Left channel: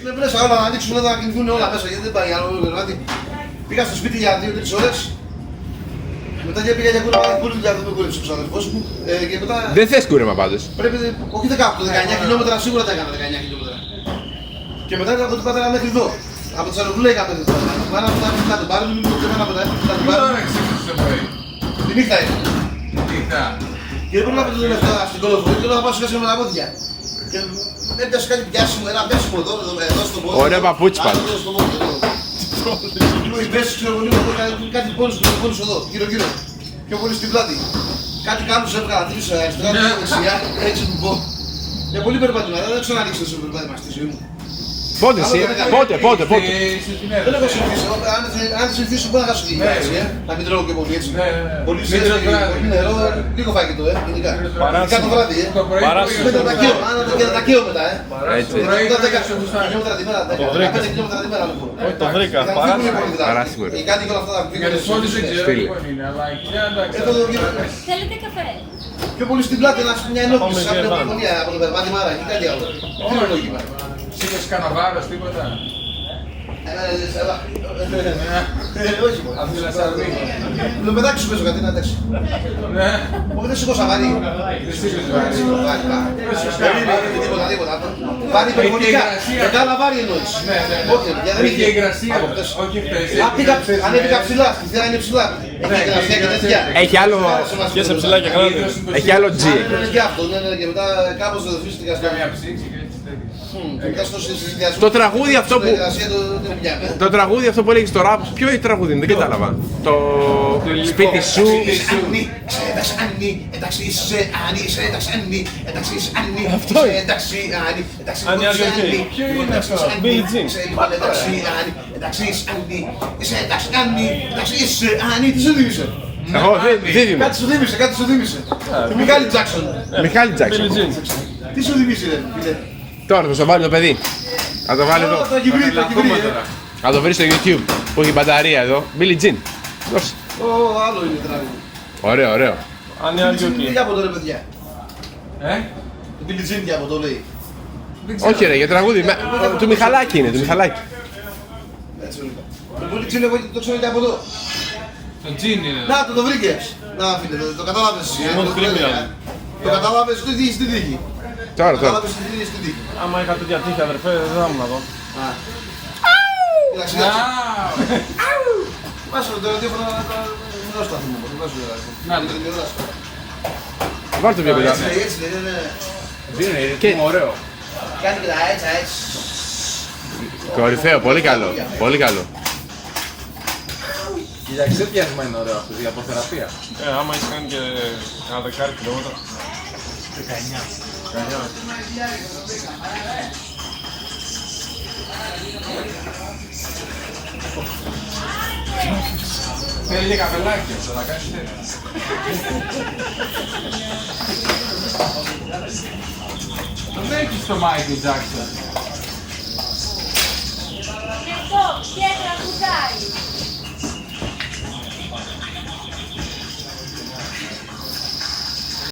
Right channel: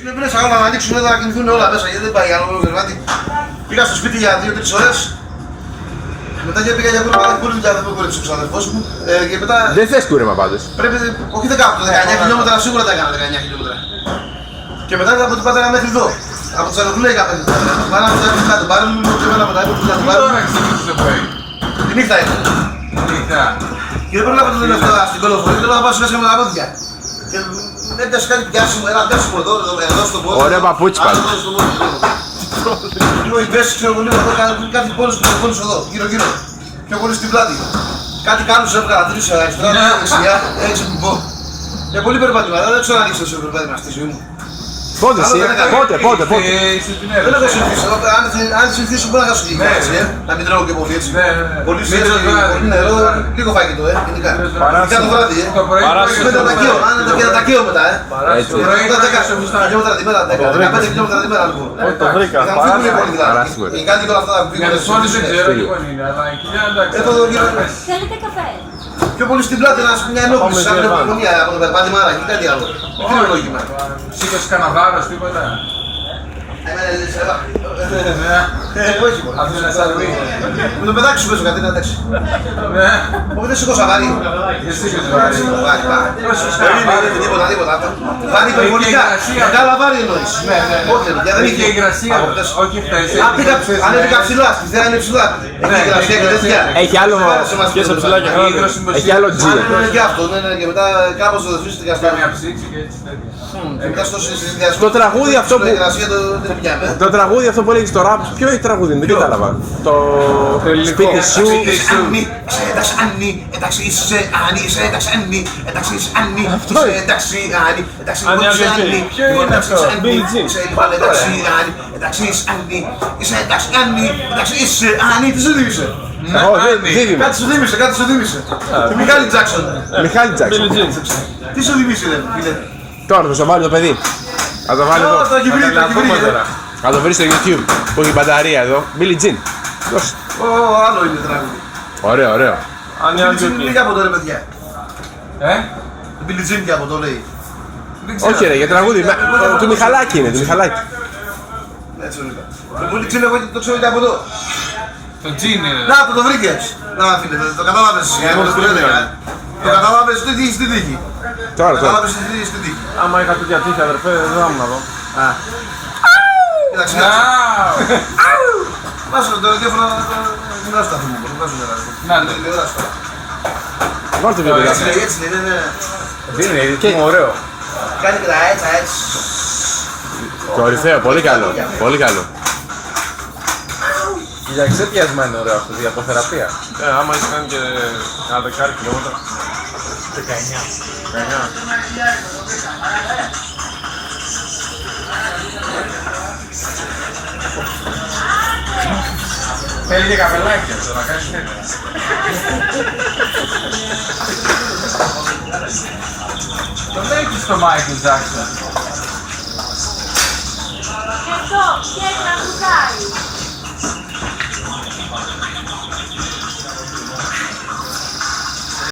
Είναι μέσα όλα να ανοίξουν, να κινηθούν όλα μέσα γιατί δεν πάει άλλο κρεβάτι. Πήγα στο σπίτι για 2-3 ώρες. Μετά πήγα για πολύ δουλειά, δεν μπορεί ο ξαδερφός μου. Και μετά. Δεν θες κούρεμα πάντως. Πρέπει, όχι 19 χιλιόμετρα σίγουρα τα έκανα 19 χιλιόμετρα. Και μετά από το πάντα μέχρι εδώ. Από το Τσαλοκουλέικα μέχρι εδώ. Πάνω από τα έπρεπε να τον πάρουν, το πήγα από τα έπρεπε να τον πάρουν. Τώρα ξεκίνησε το πρωί. Τη νύχτα είναι. Νύχτα. Και δεν προλάβω το λεφτό στην κολοφορία, τώρα θα πάω μέσα με τα πόδια. Και έπιασε κάτι πιάσιμο, ένα πιάσιμο εδώ στο πόδι. Ωραία παπούτσια. Άλλο εδώ στο πόδι. Λίγο η μέση, ξέρω εγώ λίγο εδώ, κάτι πόνους εδώ, γύρω-γύρω. Πιο πολύ στην πλάτη. Κάτι κάνουν σε έβγαλα, τρεις αριστερά, δεξιά, έξι που πω. Για πολύ περπάτημα, δεν ξέρω αν ανοίξω σε περπάτημα στη ζωή μου. Πότε εσύ, πότε. Είσαι στην Δεν έχω συνηθίσει, αν συνηθίσω μπορεί να χάσω τη γη, έτσι, να μην τρώω και πολύ έτσι. Πολύ σιέστα, πολύ νερό, λίγο φαγητό, γενικά. Για το βράδυ, Το πρωί. αν είναι τα κύλο μετά, Έτσι. χιλιόμετρα την μέρα, 15 χιλιόμετρα την μέρα λοιπόν. Το βρήκα. Οι κάτοικοι όλα αυτά που Για τους όλους δεν ξέρω λοιπόν είναι, αλλά η κοιλιά εντάξει. Εδώ γύρω Θέλετε καφέ? πιο πολύ στην πλάτη, να σου μια ενόχληση, σαν μια επικοινωνία από το περπάτημα, αλλά και κάτι άλλο. Τι είναι λόγιμα. Σήκωσε κανένα βάρος, τίποτα. Όχι μόνο. Αυτό είναι σαν βίντεο. Με το παιδάκι σου πέσω κάτι, είναι εντάξει. Ναι. Όχι δεν σηκώσα βάρη. Δεν σήκωσε βάρη. Πόσο τίποτα. Βάρη υπερβολικά. Μεγάλα βάρη εννοείς. Όχι, δεν Είχε υγρασία, όχι χθες. Αν έπικα ψηλά, στη θέα είναι ψηλά. Έχει υγρασία και τέτοια. Έχει άλλο, έχει άλλο G. Και αυτό, και μετά κάπως το δεσμίστηκα στο Μια ψήξη και έτσι. και μετά στο συνδυασμό. Το τραγούδι αυτό που- Η υγρασία δεν πιάμε. Το τραγούδι αυτό που έλεγε στο rap, ποιο έχει τραγούδι, δεν κατάλαβα. Το σπίτι σου. Αννη, σε ένταξε Αννη, εντάξει είσαι Αννη, σε ένταξε Αννη, εντάξει είσαι Αννη, είσαι εντάξει Αννη, εντάξει Αννη, είσαι Αννη, Αννη, ποιο είναι εντάξει αυτό? είσαι Αννη, Billie Jean. είσαι πάλι εντάξει Αννη, εντάξει είσαι Αννη, είσαι εντάξει Αννη, εντάξει είσαι Αννη, τι σου θύμισε? Όχι, δίδυμο. Κάτι σου θύμισε. Τη Μιχάλη Τζάκσον. Μιχάλη Τζάκσον. Τι σου θυμίσει ρε φίλε? Τώρα θα στο βάλει το παιδί. Θα το βάλει εδώ. Θα το Πούμε τώρα. Θα το βρει στο YouTube που έχει μπαταρία εδώ. Billie Jean. Δώσε. Άλλο είναι τραγούδι. Ωραίο, ωραίο. Αν είναι Τι και από το ρε παιδιά. Ε, Το Billie Jean και από το λέει. δεν ξέρω. Όχι ρε, για τραγούδι. Του Μιχαλάκη είναι, του Μιχαλάκη. Έτσι το είπα. Πολύ ξέρω εγώ το ξέρω και από εδώ. Το τζιν είναι. Να, το βρήκες. Να, φίλε, το κατάλαβες. Εγώ το έλεγα. Το κατάλαβες τι τύχη στην τύχη. Τώρα, τώρα. Κατάλαβες τι τύχη στην τύχη. άμα είχα τέτοια τύχη αδερφέ, δεν θα ήμουν εδώ. Κοίταξε, βάζω το ραδιόφωνο να γνώσω τα θυμούμαι. Να το. Πάρ' το πιο παιδί. Έτσι είναι. Τι είναι, είναι ωραίο. Κάνει και τα έτσι. Κορυφαίο, πολύ καλό. Πολύ καλό. Κοίταξε πιασμα είναι ωραίο αυτό, για αποθεραπεία. Άμα έχει κάνει και ένα δεκάρι χιλιόμετρα. 19. Θέλει και καπελάκι αυτό, να κάνεις τέτοια. Το θέλει και στο Michael Jackson.